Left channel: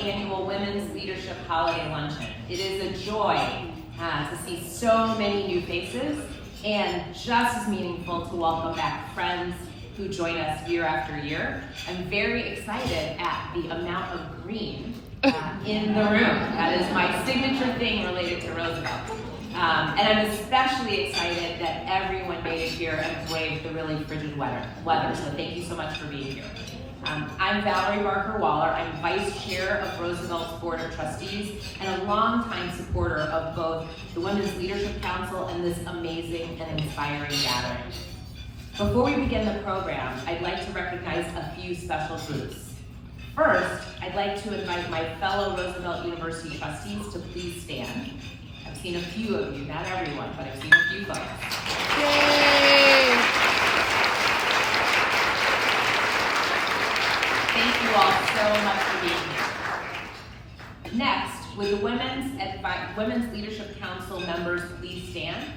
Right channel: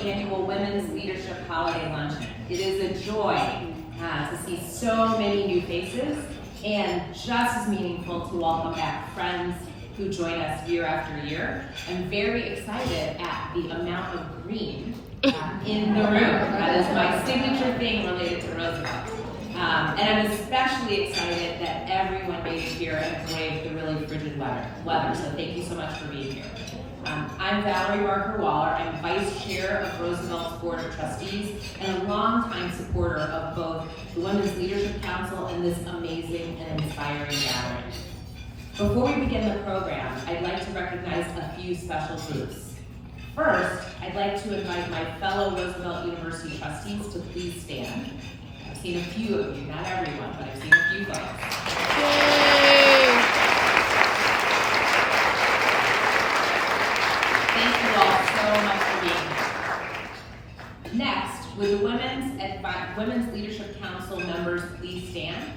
Annual Women's Leadership Holiday Luncheon. It is a joy to see so many new faces, and just as meaningful to welcome back friends who join us year after year. I'm very excited at the amount of green in the room. That is my signature thing related to Roosevelt. And I'm especially excited that everyone made it here and braved the really frigid weather. So thank you so much for being here. I'm Valerie Barker-Waller. I'm Vice Chair of Roosevelt's Board of Trustees and a longtime supporter of both the Women's Leadership Council and this amazing and inspiring gathering. Before we begin the program, I'd like to recognize a few special groups. First, I'd like to invite my fellow Roosevelt University trustees to please stand. I've seen a few of you, not everyone, but I've seen a few folks. Yay! Thank you all so much for being here. Next, would the Women's Leadership Council members please stand?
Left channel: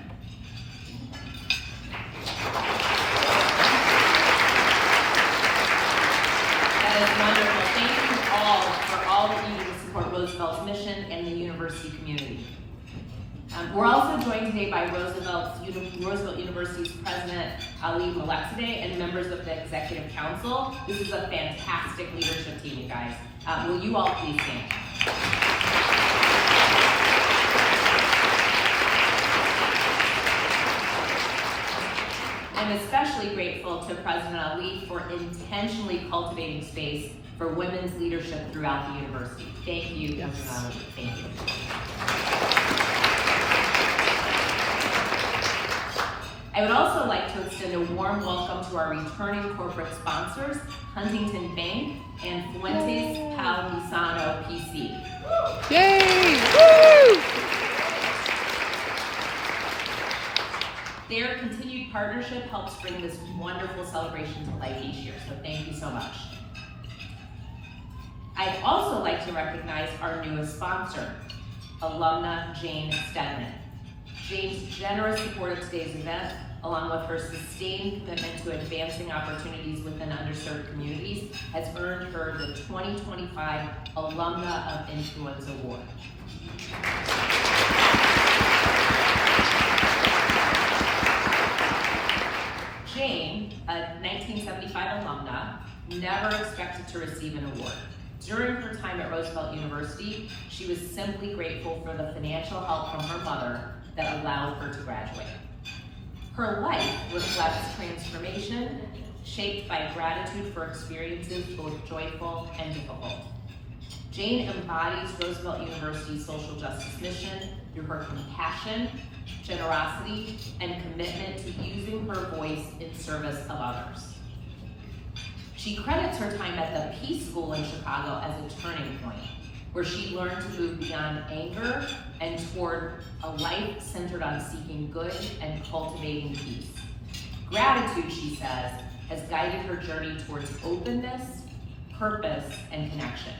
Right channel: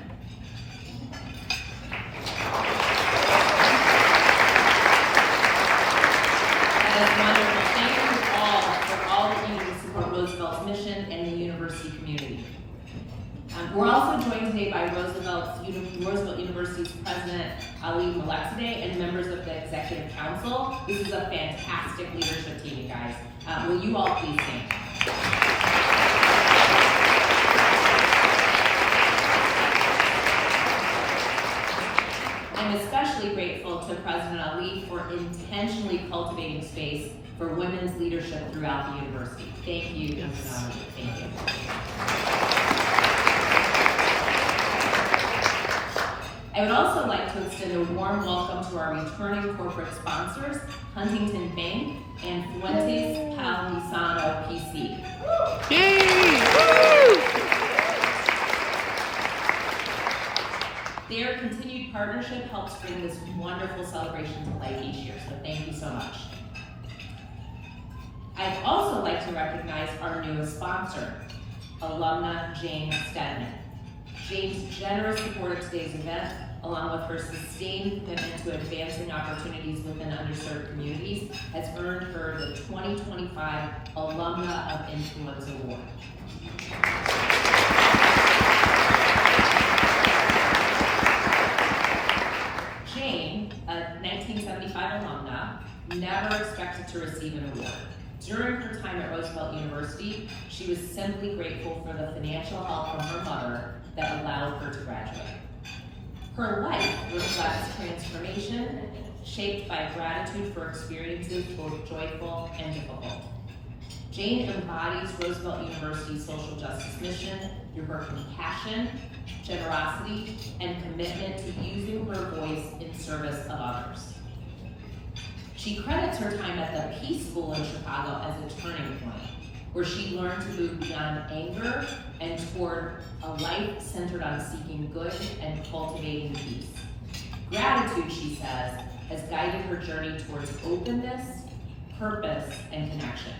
That is wonderful. Thank you all for all that you do to support Roosevelt's mission and the university community. We're also joined today by Roosevelt University's President Alumna and members of the Executive Council. This is a fantastic leadership team, guys. Will you all please stand? I'm especially grateful to President Ali for intentionally cultivating space for women's leadership throughout the university. Thank you, President Ali. Thank you. I would also like to extend a warm welcome to our returning corporate sponsors, Huntington Bank and Fuentes Palisano PC. Yay! Woo! Their continued partnership helps bring this wonderful celebration to life each year, so thank you so much. I'd also like to recognize our newest sponsor, Alumna Jane Stedman. Jane's generous support of today's event, along with her sustained commitment to advancing opportunities within underserved communities, has earned her the 2025 Alumna of Influence Award. Jane, a 1975 alumna, never expected to receive an award. During her time at Roosevelt University, she was simply grateful for the financial help from her mother that allowed her to graduate. Her life reflects transformation, shaped by gratitude for experiences both joyful and difficult. Jane embodies Roosevelt University's social justice mission through her compassion, generosity, and commitment to using her voice in service of others. She credits her time at the Peace School in Chicago as a turning point, where she learned to move beyond anger and toward a life centered on seeking good and cultivating peace. Gratitude, she says, has guided her journey towards openness, purpose, and connection.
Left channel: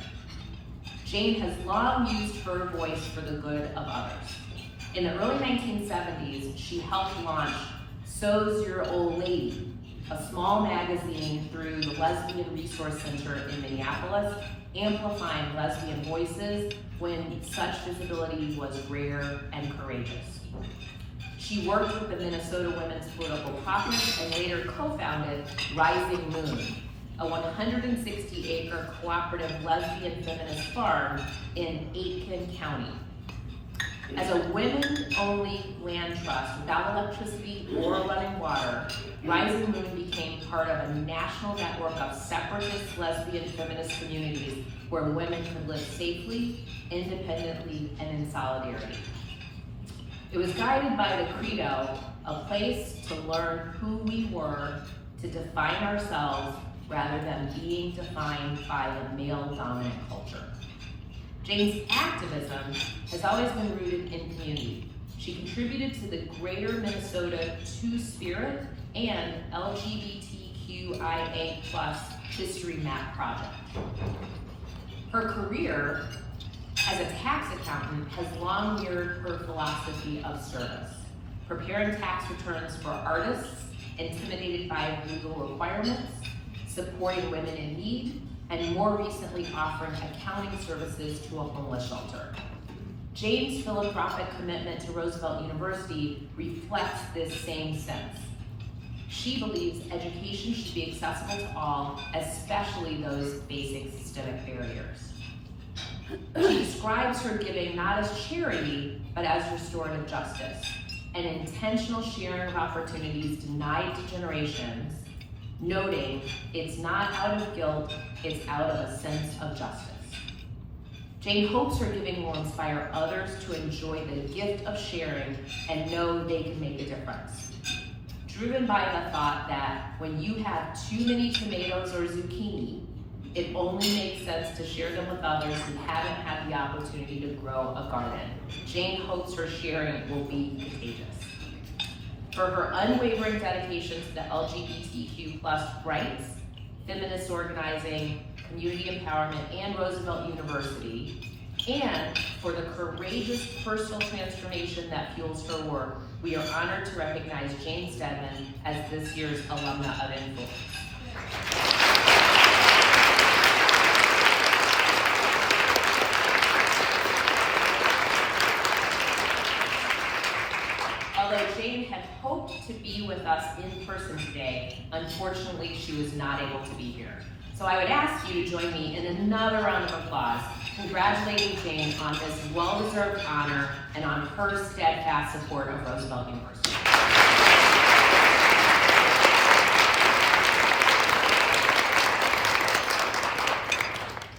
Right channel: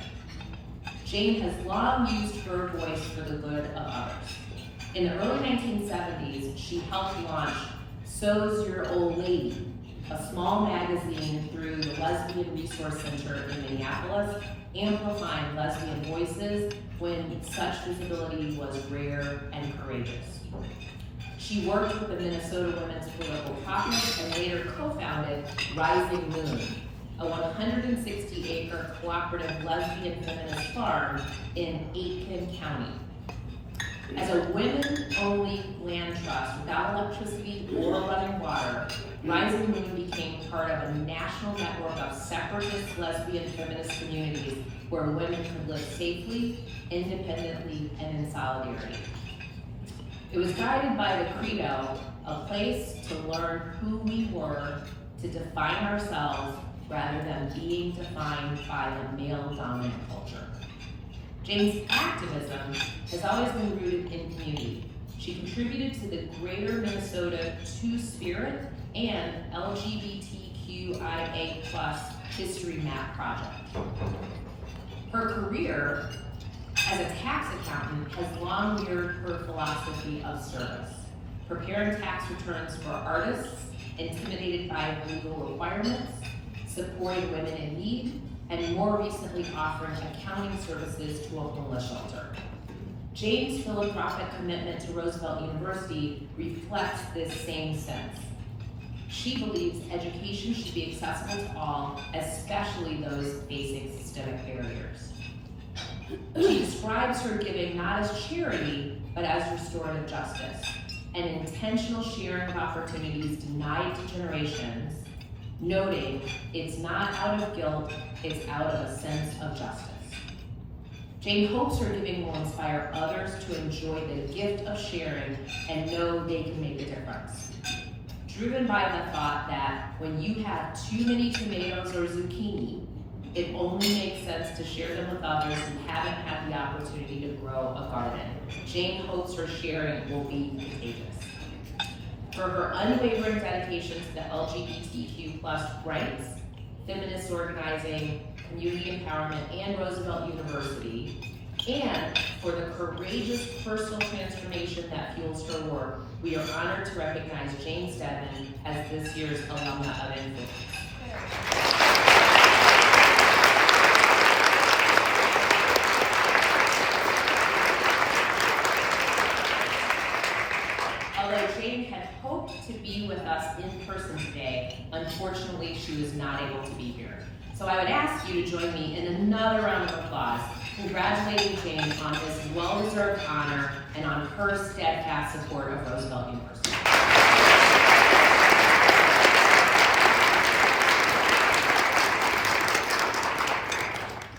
Jane has long used her voice for the good of others. In the early 1970s, she helped launch So's Your Old Lady, a small magazine through the Lesbian Resource Center in Minneapolis, amplifying lesbian voices when such visibility was rare and courageous. She worked with the Minnesota Women's Political Caucus and later co-founded Rising Moon, a 160-acre cooperative lesbian feminist farm in Aitkin County. As a women-only land trust without electricity or running water, Rising Moon became part of a national network of separatist lesbian feminist communities where women could live safely, independently, and in solidarity. It was guided by the credo, a place to learn who we were, to define ourselves rather than being defined by a male-dominant culture. Jane's activism has always been rooted in community. She contributed to the Greater Minnesota Two-Spirit and LGBTQIA+ History Map project. Her career as a tax accountant has long mirrored her philosophy of service, preparing tax returns for artists intimidated by legal requirements, supporting women in need, and more recently offering accounting services to a homeless shelter. Jane's philanthropic commitment to Roosevelt University reflects this same sense. She believes education should be accessible to all, especially those facing systemic barriers. She describes her giving not as charity, but as restorative justice, an intentional sharing of opportunities denied to generations, noting it's not out of guilt, it's out of a sense of justice. Jane hopes her giving will inspire others to enjoy the gift of sharing and know they can make a difference. Driven by the thought that when you have too many tomatoes or zucchini, it only makes sense to share them with others who haven't had the opportunity to grow a garden. Jane hopes her sharing will be contagious. For her unwavering dedication to the LGBTQ+ rights, feminist organizing, community empowerment, and Roosevelt University, and for the courageous personal transformation that fuels her work, we are honored to recognize Jane Stedman as this year's Alumna of Influence. Although Jane had hoped to be with us in person today, unfortunately she was not able to be here. So I would ask you to join me in another round of applause, congratulating Jane on this well-deserved honor and on her steadfast support of Roosevelt University.